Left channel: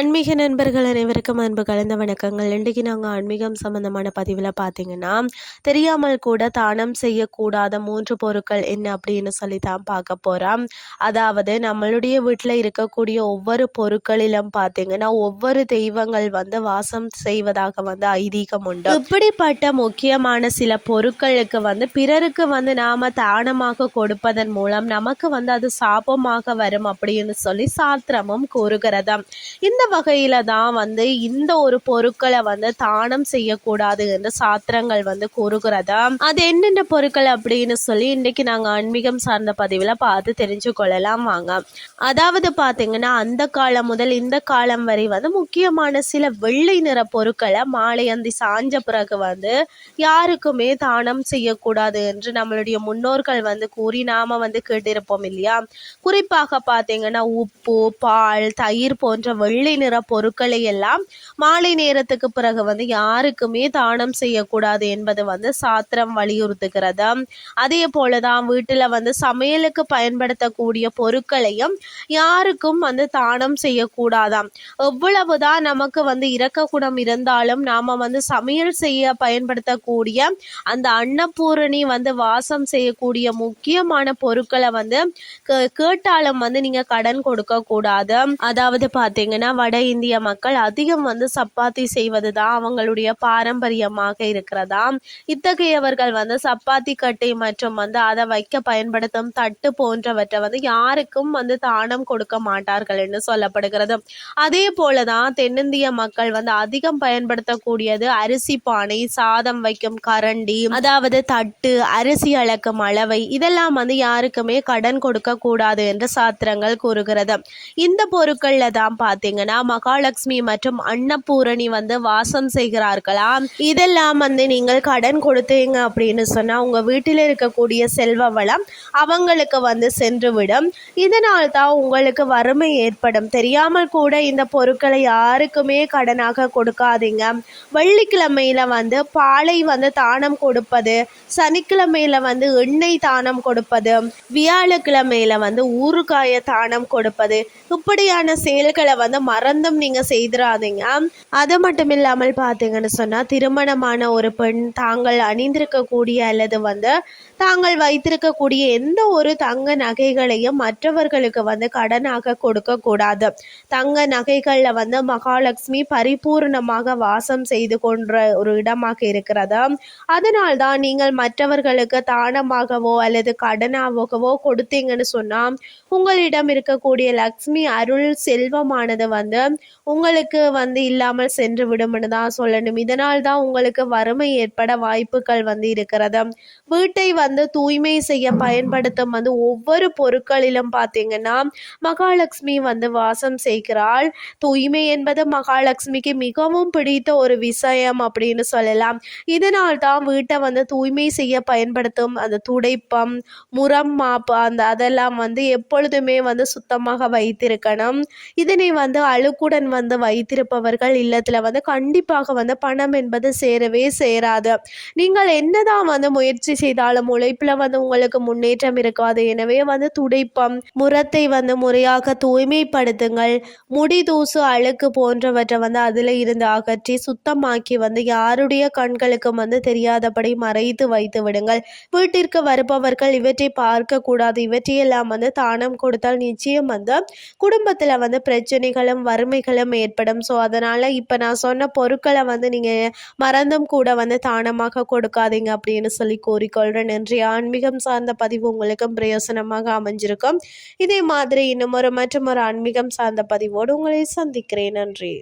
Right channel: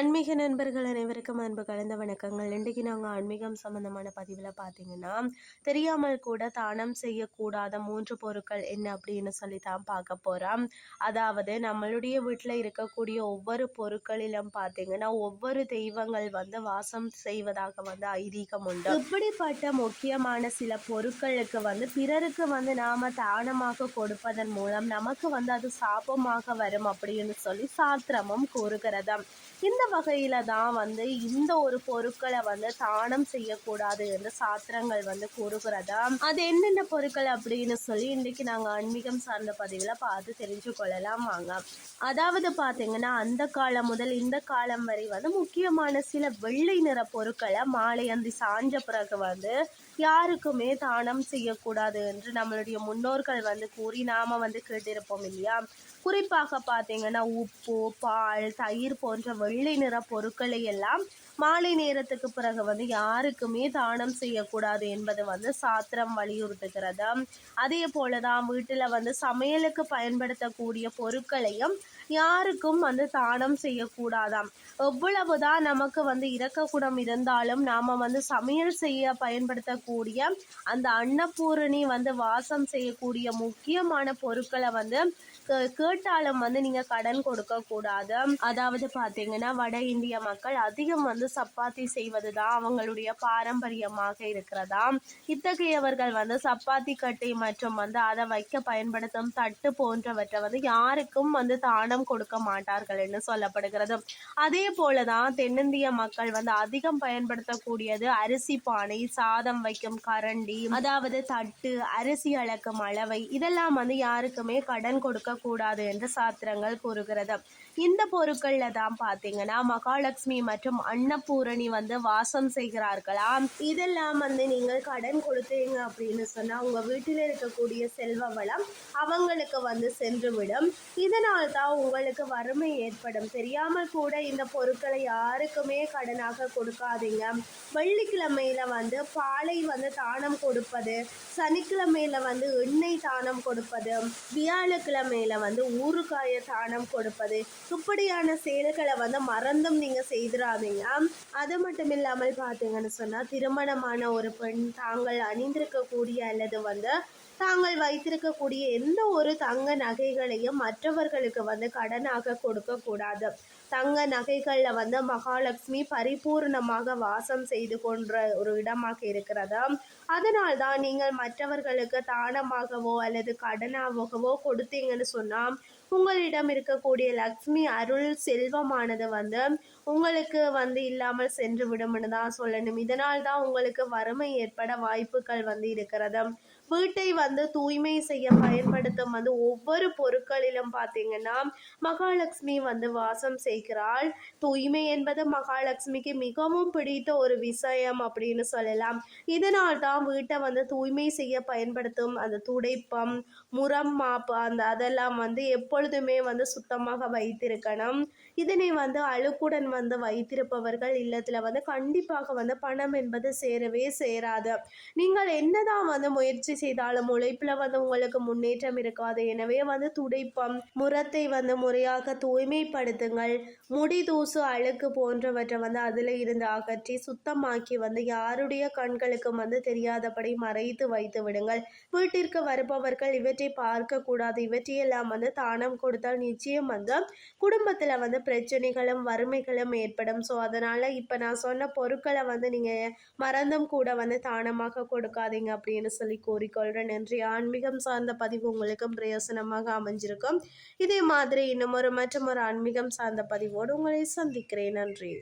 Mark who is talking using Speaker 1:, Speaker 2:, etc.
Speaker 1: ஆன்மீக நண்பர்கள் அனைவருக்கும் அன்பு கலந்த வணக்கங்கள். இன்றைக்கு நாங்கள் ஆன்மீகம் சம்பந்தமான பதிவில் பார்த்தீங்கன்னா தெரியாமல் கூட தானம் செய்யக்கூடாத மூன்று பொருட்கள் என்ன அப்படின்னு சொல்லி தான் பார்க்க போகிறோம் அதாவது நம்மளுடைய வீட்டில் இருக்கக்கூடிய ஒவ்வொரு பொருட்களிலும் பார்த்தீங்கன்னா ஒவ்வொரு தெய்வங்கள் வந்து வாசம் செய்வதாக வந்து ஐதீகம் உண்டு. இப்படிப்பட்ட முக்கியமான சில பொருட்களுக்கு வந்து பிறருக்கு வந்து நாம் தானமாக கொடுப்பதன் மூலம் நமக்கு வந்து அது சாபமாக வரும் அப்படின்னு சொல்லி சாத்திரமும் கூறுகிறதாம் இந்த வகையில் தான் வந்து இந்த ஒரு பொருட்களை வந்து தானம் செய்யக்கூடாது என்று சாத்திரங்கள் வந்து கூறுகிறதா? அது என்னென்ன பொருட்கள் அப்படின்னு சொல்லி இன்னைக்கு நாங்கள் ஆன்மீகம் சார்ந்த பதிவில் பார்த்து தெரிஞ்சு கொள்ளலாம் வாங்க. அதாவது பார்த்தீங்கன்னா அந்த காலம் முதல் இந்த காலம் வரை வந்து முக்கியமான சில வெள்ளை நிற பொருட்களை மாலை அந்தி சாஞ்ச பிறகு வந்து யாருக்குமே தானம் செய்யக்கூடாது என்று நம்மளுடைய முன்னோர்கள் வந்து கூறி நாம வந்து கேட்டிருப்போம் இல்லையா? குறிப்பாக பார்த்தீங்கன்னா உப்பு பால் தயிர் போன்ற வெள்ளை நிற பொருட்களை எல்லாம் மாலை நேரத்துக்கு பிறகு வந்து யாருக்குமே தானம் செய்யக்கூடாது என்பது வந்து சாத்திரம் வலியுறுத்துகிறது. அதே போலதான் வீட்டில் வந்து சமையலுக்கு பயன்படுத்தக்கூடிய பொருட்களையும் யாருக்கும் வந்து தானம் செய்யக்கூடாதாம். எவ்வளவுதான் நமக்கு வந்து இறக்கக்கூடம் இருந்தாலும் நாம வந்து சமையல் செய்ய பயன்படுத்தக்கூடிய அந்த அன்னபூரணி வந்து வாசம் செய்யக்கூடிய முக்கியமான பொருட்களை வந்து கேட்டாலும் வந்து நீங்க கடன் கொடுக்க கூடாது அதாவது பாத்தீங்கன்னா பார்த்தீங்கன்னா வட இந்திய மக்கள் அதிகம் வந்து சப்பாத்தி செய்வது தான் அவங்களுடைய பாரம்பரியமாக இருக்கிறதா இத்தகையவர்கள் வந்து சப்பாத்தி கட்டை மற்றும் வந்து அதை வைக்க பயன்படுத்தும் தட்டு போன்றவற்றை வந்து யாருக்கும் வந்து தானம் கொடுக்க மாட்டார்கள் என்று சொல்லப்படுகிறது. அதே போலதான் தென்னிந்திய மக்கள் வந்து அதிகம் பயன்படுத்தக்கூடியது அரிசி பானை சாதம் வைக்கும் கரண்டி அதாவது தட்டு அரிசி அளக்கும் அளவை இதெல்லாம் வந்து யாருக்குமே கடன் கொடுக்க கூடாது என்று சாத்திரங்கள் கூறுகிறது. இந்த பொருட்கள்ல தான் பாத்தீங்கன்னா பார்த்தீங்கன்னா மகாலட்சுமி மற்றும் அன்னபூரணி வந்து வாசம் செய்கிறார்களாம். இதெல்லாம் வந்து நீங்கள் கடன் கொடுத்தீங்க அப்படின்னு சொன்னால் உங்கள் வீட்டில் இருக்கக்கூடிய செல்வ வளம் அவங்களுக்கு வந்து சென்றுவிடும். இதனால் தான் உங்களுக்கு வறுமை ஏற்படும். தெரியாமல் கூட இந்த பொருட்களை யாருக்குமே கடனாக கொடுக்காதீங்க. வெள்ளிக்கிழமையில வந்து பாலை வந்து தானம் கொடுப்பது சனிக்கிழமையில வந்து எண்ணெய் தானம் கொடுப்பது வியாழக்கிழமையில வந்து ஊறுகாய தானம் கொடுப்பது இப்படியான செயல்களை வந்து மறந்தும் நீங்கள் செய்திடாதீங்க அது மட்டும் இல்லாமல் பார்த்தீங்கன்னு சொன்னால் திருமணமான ஒரு பெண் தாங்கள் அணிந்திருக்கக்கூடிய அல்லது வந்து தாங்கள் வைத்திருக்கக்கூடிய எந்த ஒரு தங்க நகைகளையும் மற்றவர்களுக்கு வந்து கடனாக கொடுக்கக்கூடாது தங்க நகைகளில் வந்து மகாலட்சுமி பரிபூர்ணமாக வாசம் செய்து கொன்ற ஒரு இடமாக இருக்கிறது. அதனால் தான் நீங்கள் மற்றவர்களுக்கு தானமாகவோ அல்லது கடனாகவோ கொடுத்தீங்கன்னு சொன்னால் உங்களிடம் இருக்கக்கூடிய லக்ஷ்மி அருள் செல்வமானது வந்து உங்களுக்கு வந்து இல்லாமல் சென்று விடும்னு தான் சொல்லணும். இதனால் தான் உங்களுக்கு வறுமை ஏற்பட வாய்ப்புகள் வந்து இருக்கிறது. வீட்டை வந்து வந்து தூய்மை செய்ய பயன்படுத்தும் வந்து ஒவ்வொரு பொருட்களிலும் பார்த்தீங்கன்னா மகாலட்சுமி வந்து வாசம் செய்கிறாள். தூய்மை என்பது மகாலட்சுமிக்கு மிகவும் பிடித்த ஒரு விஷயம் அப்படின்னு சொல்லலாம். இதனால் தான் வீட்டை வந்து தூய்மை செய்ய பயன்படுத்தும் அந்த துடைப்பம் முரம் மாப்பு அந்த அதெல்லாம் வந்து எப்பொழுதுமே வந்து சுத்தமாக வைத்திருக்கணும். இதனை வந்து அழுக்குடன் வந்து வைத்திருப்பவர்கள் இல்லத்தில் வந்து கண்டிப்பாக வந்து பணம் என்பது சேரவே சேராது. நீங்கள் என்னதான் வந்து முயற்சி செய்தாலும் உழைப்பில் வந்து உங்களுக்கு முன்னேற்றம் இருக்காது. எனவே வந்து துடைப்பம் முரத்தை வந்து முறையாக தூய்மைப்படுத்துங்கள். முடி தூசு அழுக்கு போன்றவற்றை வந்து அதில் இருந்து அகற்றி சுத்தமாக்கி வந்து யாருடைய கண்களுக்கும் வந்து தெரியாதபடி மறைத்து வைத்து விடுங்கள். வீட்டிற்கு வருபவர்கள் இவற்றை பார்க்க கூடாது. இவற்றையெல்லாம் வந்து தானம் கொடுத்தால் நிச்சயம் வந்து குடும்பத்தில் வந்து பிரச்சனைகளும் வறுமைகளும் ஏற்படும். ஸோ அதனால் இப்போ நான் சொன்ன பொருட்களை வந்து நீங்கள் மறந்தும் கூட வந்து தானமாக கொடுக்காதீங்க அப்படின்னு சொல்லி கூறிக்கொள்கிறேன் நன்றி ஆன்மீகம் சார்ந்த பதிவு உங்களுக்கும் பிரயோசனமாக அமைஞ்சிருக்கும். இதே மாதிரி இன்னும் ஒரு மற்றும் ஒரு ஆன்மீகம் சார்ந்த பதிவோடு உங்களை சந்திக்கிறேன். நன்றி.